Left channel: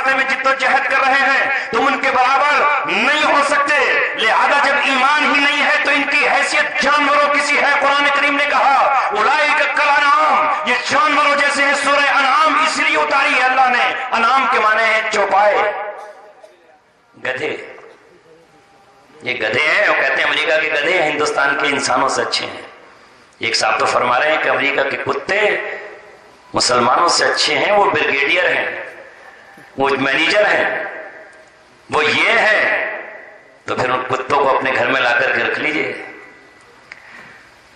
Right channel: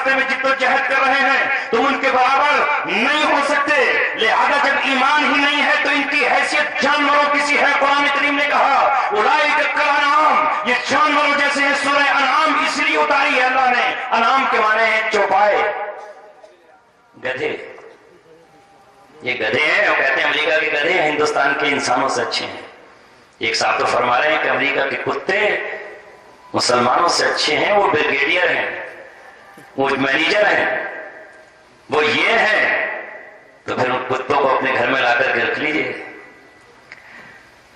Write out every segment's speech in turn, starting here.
راستے میں جدوجہد کر رہے ہیں، تم ان کے برابر نہیں ہو سکتے۔ لہذا جب ایمان ہی نہیں ہے تو ان کی حیثیت جانوروں کی سی ہے۔ قرآن کریم نے کہا اولئک کالانعام، یہ جانوروں جیسے ہیں۔ سورہ انعام اس لیے اتاری ہے اللہ نے، انعام کے معنی ہے چوپائے، گدھے۔ یہ گدھے ہیں، وہ کہتے ہیں امریکہ کے گدھے ہندوستان کے انسانوں سے اچھے ہیں۔ ایک صاحب تو فرما رہے ہیں کہ امریکہ کے کتے مسلمانوں سے اچھے ہیں، وہ بریگیڈیئر ہیں، وہ مینیجر ہیں، وہ یہ ہیں۔ تو پھر ان کتوں کو اپنے گھر میں لا کر کے رکھ لیجئے۔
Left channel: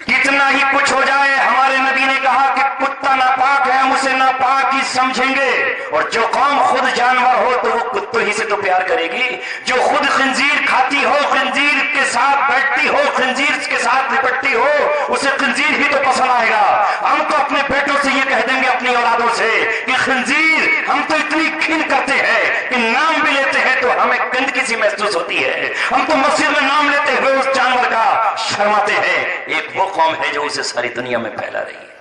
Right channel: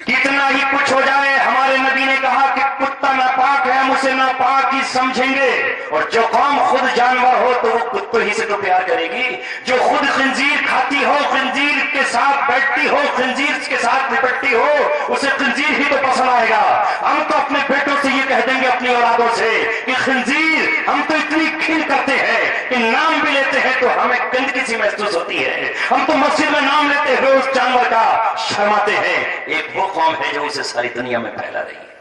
کتنا ہی کچھ ہو جائے، ہمارے نبی نے کہا کہ کتا ناپاک ہے، ہم اسے ناپاک ہی سمجھیں گے۔ اور جو قوم خود جانور ہو تو وہ کتوں ہی سے تو پیار کرے گی۔ جو خود خنزیر کھاتی ہو، خنزیر کے ساتھ بیٹھتی ہو، خنزیر کے ساتھ لپٹتی ہو، اسے خنزیر ہی تو پسند آئے گا۔ ہم تو اپنے بیٹوں سے یہ کہہ دیں گے، اپنی اولادوں سے، کہ خنزیر، ہم تو اتنی کھل کرتے ہیں کہ نام بھی لیتے ہیں تو ہمیں گندگی سی محسوس ہوتی ہے۔ ہم تو مسجد میں نام لیتے ہوئے اس جانور کا شرماتے ہیں۔ ایک وہ قوم ہے جو اسے ساری دنیا میں پھیلا رہی ہے۔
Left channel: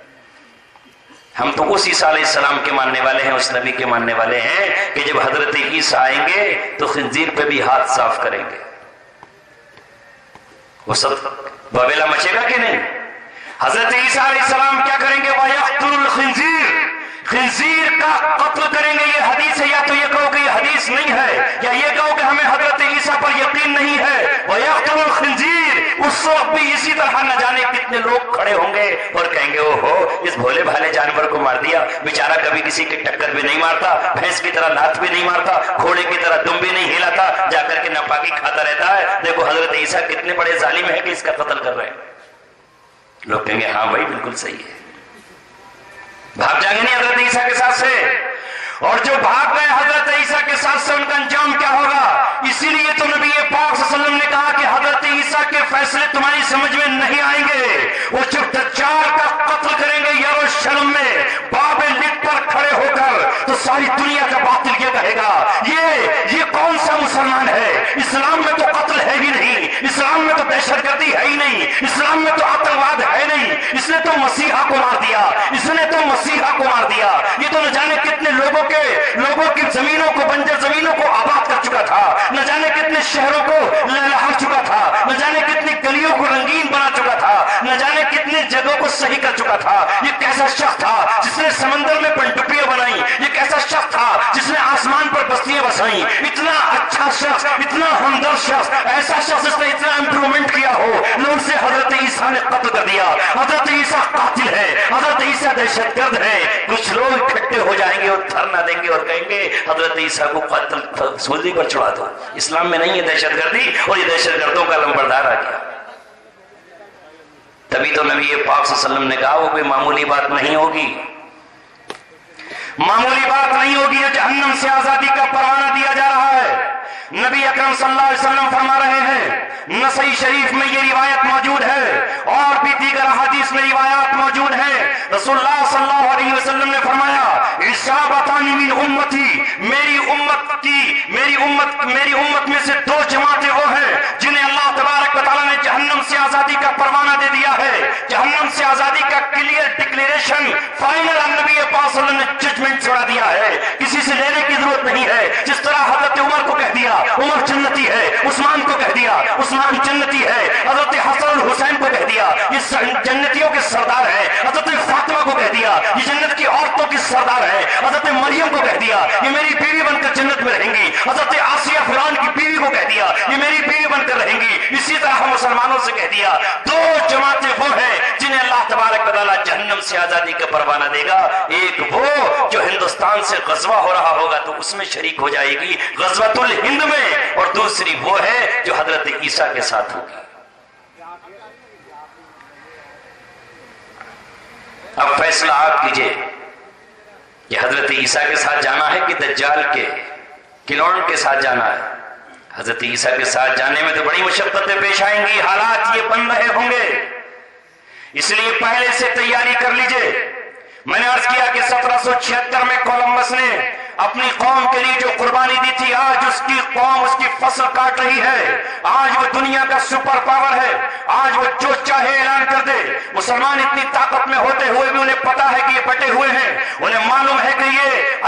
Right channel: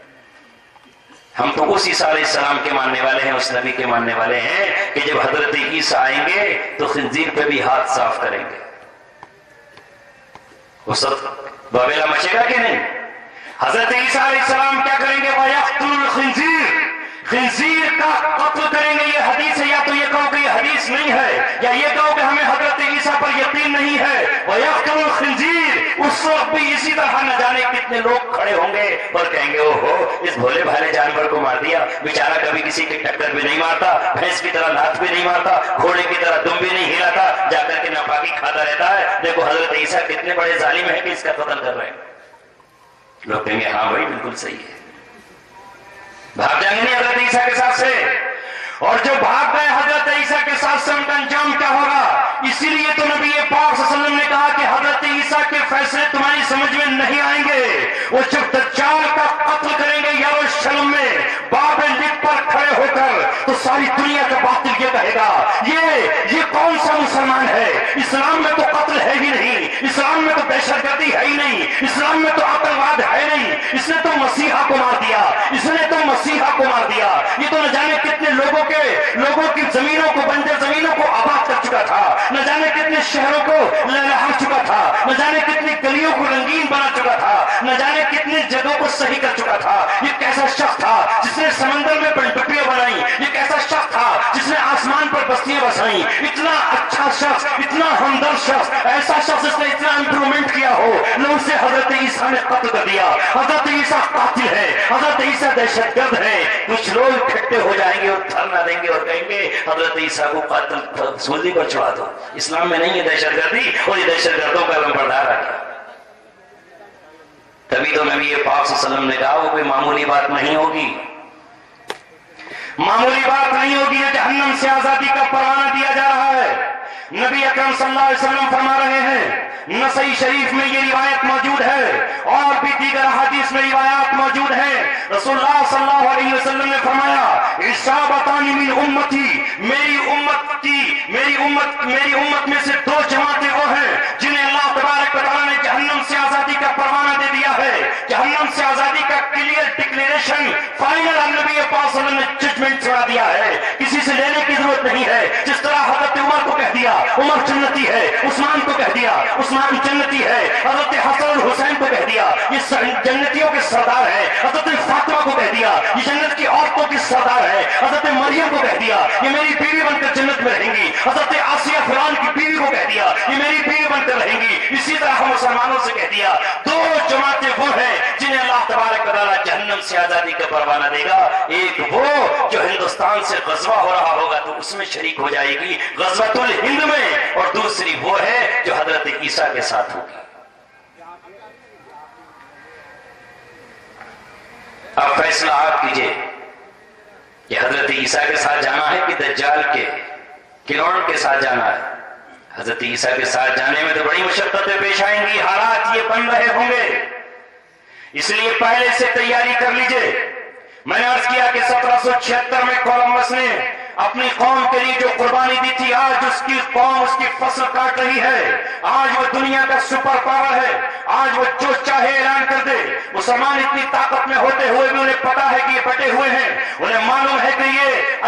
ہم تو اس عیسیٰ علیہ السلام کے ماننے والے ہیں، اس نبی کے ماننے والے ہیں کہ جب حضرت عیسیٰ آئیں گے تو خنزیر پہ بھی ہاتھ صاف کریں گے۔ وہ سب بابیلا مچے گا کہ نہیں؟ حضرت عیسیٰ علیہ السلام کیا کریں گے؟ وَيَقْتُلُ الْخِنزِيرَ، خنزیر کا قتل کریں گے۔ یہ حدیث ہے، یا تو یہ کہو کہ یہ حدیث نہیں ہے، یا یہ کہو کہ ہمیں حضرت عیسیٰ پر یقین نہیں ہے۔ وَيَقْتُلُ الْخِنزِيرَ، اس وقت بھی اسی طرح نہ جانے کتنے لوگ کھڑے ہوں گے اور کہیں گے اوہو، اس بھولے بھالے جانور کو مار دیا، بیچارہ کبھی کسی کی ٹکر بھی نہیں مارتا، بھینس کی طرح لات بھی نہیں مارتا، گھوڑے کی طرح دم بھی نہیں ہلاتا، جا کر کے ناپاکی کھاتا رہتا ہے۔ دیکھو حضرت عیسیٰ کتنے بڑے ظالم ہیں کہ اس کا قتل کر رہے ہیں۔ لوگ کہیں گے ہاں بھائی بالکل صحیح ہے، بھاگ جائیں گے نہیں حضرت عیسیٰ کے ساتھ سے۔ اور جو بھاگ گئے حضرت عیسیٰ کے ساتھ سے، ان کا انجام کیا ہوگا؟ اسی لیے تو نبی پاک صلی اللہ علیہ وسلم نے کہا کہ حضرت عیسیٰ کے فیصلے تمہاری سمجھ میں نہیں آئیں گے۔ وہ جب دجال کا قتل کریں گے یروشلم میں باب لد پر کھڑے ہو کر، تو ساری دنیا کا باطل یہ کہے گا یہ کون سا مسلمان ہے؟ اسلام میں تو قتل ہے ہی نہیں، اسلام میں تو دہشت گردی ہے ہی نہیں، اسلام میں تو آتنکواد ہے نہیں، اس نے تو مسیحا کو مار دیا، اس نے تو مسیحا کو مار دیا۔ یہ تو نہ جانے کتنے لوگوں کی زمینوں کو، بنجر زمینوں کو آباد کر چکا تھا، نہ جانے کتنے شہروں کو لہلا چکا تھا، نہ جانے کتنی گلیوں کو رنگین بنا چکا تھا، نہ جانے کتنی جگہوں کو صحیح کر چکا تھا۔ یہ کیسا شخص تھا جس نے سمندر میں پنڈپیاں بنائی؟ یہ کیسا شخص تھا جس نے آسمان پر بستیاں بسائیں؟ اتنا اچھا شخص، اتنا ہمدرد شخص، ایسا شخص جس نے اتنا امپرومنٹ کیا ہو، نہ اسے حضرت عیسیٰ نے قتل کر دیا۔ حضرت عیسیٰ قاتل ہے، حضرت عیسیٰ دہشت گرد ہے۔ کچھ لوگ اکٹھے ہو جائیں گے اور دھرنا دیں گے اور کہیں گے حضرت عیسیٰ کو قاتل سولی پر چڑھا دو۔ اسلام میں نہیں ہے دہشت گردی، اور یہ دہشت گردوں کا لمبردار آ گیا۔ تبھی تو نبی پاک صلی اللہ علیہ وسلم نے کہا وہ کوئی معمولی بات نہیں ہوگی، معمولی بات نہیں ہوگی، یہ جہنم سے آزادی کا پروانہ دیا جا رہا ہے۔ نبی اکرم صلی اللہ علیہ وسلم فرما رہے ہیں، نسائی شریف میں یہ روایت موجود ہے اور بھی دیگر احادیث میں روایات موجود ہیں۔ رسول اللہ صلی اللہ علیہ وسلم نے فرمایا عصابتان من امتی، میری امت میں سے دو جماعتیں وہ ہیں جنہیں اللہ تبارک و تعالیٰ نے جہنم سے آزادی کا پروانہ دے دیا ہے، جہنم سے آزادی کا کلیئر ڈکلیریشن فائنل نبی پاک صلی اللہ علیہ وسلم نے ججمنٹ چھوڑا دیا ہے، کسی سے لینے کی ضرورت نہیں ہے۔ جس طرح حضرت عمر کو کہہ دیا عمر جنتی ہے، عثمان کو کہہ دیا عثمان جنتی ہے، حضرت حسن الحسین کو کہہ دیا یہ جنتیوں کے سردار ہے، حضرت فاطمہ کو کہہ دیا یہ جنت کی عورتوں کی سردار ہے، حضرت مریم کو کہہ دیا یہ میری بیوی بن کر جنت میں رہیں گی، حضرت آسیہ فرعون کی بیوی کو کہہ دیا یہ میری بیوی بن کر رہیں گی۔ اسی طرح ہم مسلمانوں سے کہہ دیا دو جماعتیں وہ ہیں جنہیں اللہ تبارک و تعالیٰ جہنم سے آزادی کا پروانہ دے گا۔ ایک وہ جو ہندوستان سے غزوہ ہو رہا ہوگا تو اس میں شریک ہو جائے گی غزوۃ الہند میں، اور دوسری وہ ہے جو حضرت عیسیٰ کے ساتھ ہوگی۔ اب فیصلہ آپ کیجئے کہ حضرت عیسیٰ کے ساتھ جانا ہے کہ دجال کے کلون کے ساتھ جانا ہے۔ حضرت عیسیٰ کے ساتھ جانے میں تو بڑی مشقتیں پیش آئیں گی، حالات یہ بن رہے ہوں گے، اس لیے پہلے سے تیاری کر لیجئے۔ میں نے عرض کیا کہ 1776 میں کولمبس نے اپنی قوم کے لیے جو قربانی دی تھی، آج اس کی قوم اس کی فصل کاٹ رہی ہے۔ آج وہ دنیا کا سپر پاور ہے، آج وہ جو چاہے اعلان کر دے۔ مسلمان اتنی طاقت میں ہوتے ہوئے بھی انہیں پتا ہے کہ یہ بٹے ہوئے ہیں، انہیں معلوم ہے کہ یہ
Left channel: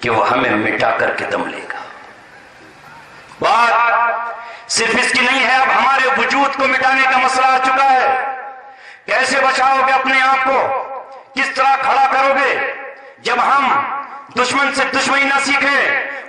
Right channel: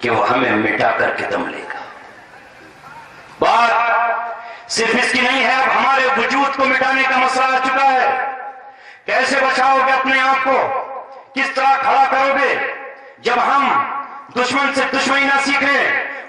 کہ وہ ہمیں مٹا کر کے دم لے گا۔ بات صرف اس کی نہیں ہے، اب ہمارے وجود کو مٹانے کا مسئلہ آ چکا ہے۔ کیسے بچاؤ گے اپنے آپ کو؟ کس طرح کھڑا کرو گے جب ہم دشمن سے دشمنی نہ سیکھیں؟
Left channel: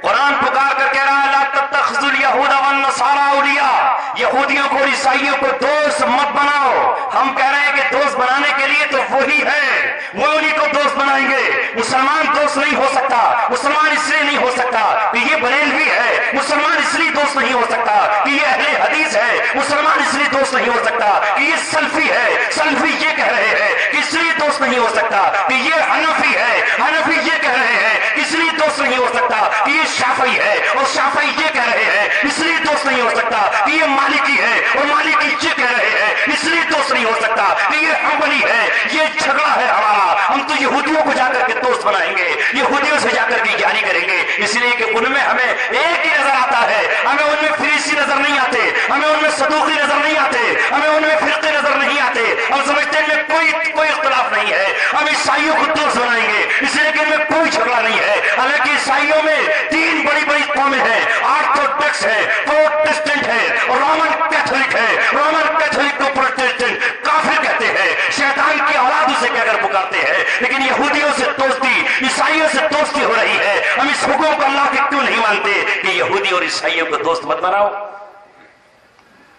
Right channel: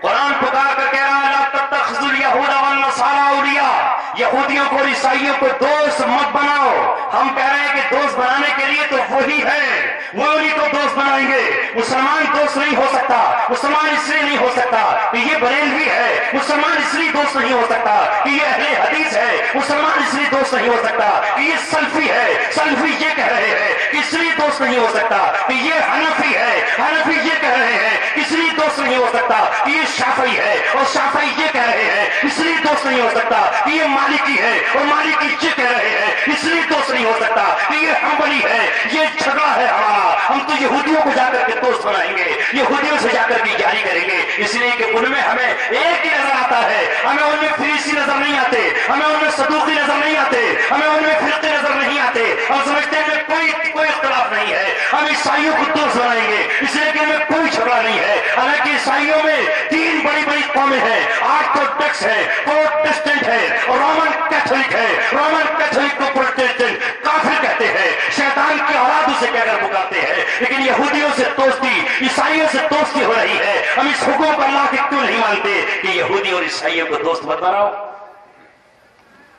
قرآن پکار کر کہہ رہا ہے لا تتخذوا اليہود والنصارى اولیاء، یہودیوں کو اور عیسائیوں کو دوست مت بناؤ۔ ہم کہہ رہے ہیں کہ دوست بنانے کے لیے تو وہی ہے، وہ انہیں کو دوست بنائیں گے۔ مسلمان دوست نہیں ہو سکتا، مسلمان اس لیے نہیں ہو سکتا کہ یہ بریلوی ہے، مسلمان اس لیے دوست نہیں ہو سکتا کہ یہ اہل حدیث ہے، مسلمان اس لیے دوست نہیں ہو سکتا کہ یہ سلفی ہے، سلفی یہ کہہ رہے ہیں کہ اس لیے دوست نہیں ہو سکتا کہ یہ حنفی ہے، حنفی یہ کہہ رہے ہیں اس لیے دوست نہیں ہو سکتا کہ یہ شافعی ہے، اور شافعی یہ کہہ رہے ہیں اس لیے دوست نہیں ہو سکتا کہ یہ مالکی ہے، اور مالکی یہ کہہ رہے ہیں اس لیے دوست نہیں ہو سکتا کہ یہ حنبلی ہے۔ یہ جھگڑا ہے ہمارا، ہم تو یہودیوں کو جا کر کے دوست بنائیں گے، یہودیوں سے جا کر کے یاری کریں گے، اس لیے کہ ان میں ہمیں ایک ہی نظر آتا ہے، ہمیں ان میں فریسی نظر نہیں آتے، ہمیں ان میں صدوقی نظر نہیں آتے، ہمیں ان میں فرقے نظر نہیں آتے، ہم سمجھتے ہیں کہ کوئی اختلاف نہیں ہے، ہم عیسائیوں کو دوست بنائیں گے اس لیے کہ ان میں کوئی جھگڑا نہیں ہے۔ حالانکہ عیسائیوں میں 3 بڑی بڑی قومیں ہیں، آرتھوڈکس ہے، پروٹسٹنٹ ہے، رومن کیتھولک ہے۔ رومن کیتھولک کو پروٹسٹنٹ کافر کہتے ہیں، شیطان کی اولاد اسے کہہ کر پکارتے ہیں، لیکن یہودیوں سے دوستی، عیسائیوں سے دوستی ہو رہی ہے۔ ہم اس حکم کو اللہ کے کیوں نہیں مانتے کہ یہودی اور عیسائیوں کو دوست مت بناؤ؟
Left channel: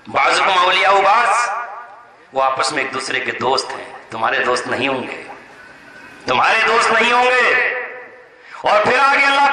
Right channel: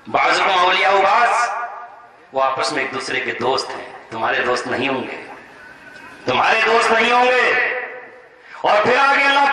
بعضکم اولیاء بعض، وہ آپس میں ایک دوسرے کے دوست ہیں، تمہارے دوست نہیں ہوں گے، تمہارے دوست نہیں ہوں گے۔ اور پھر آگے اللہ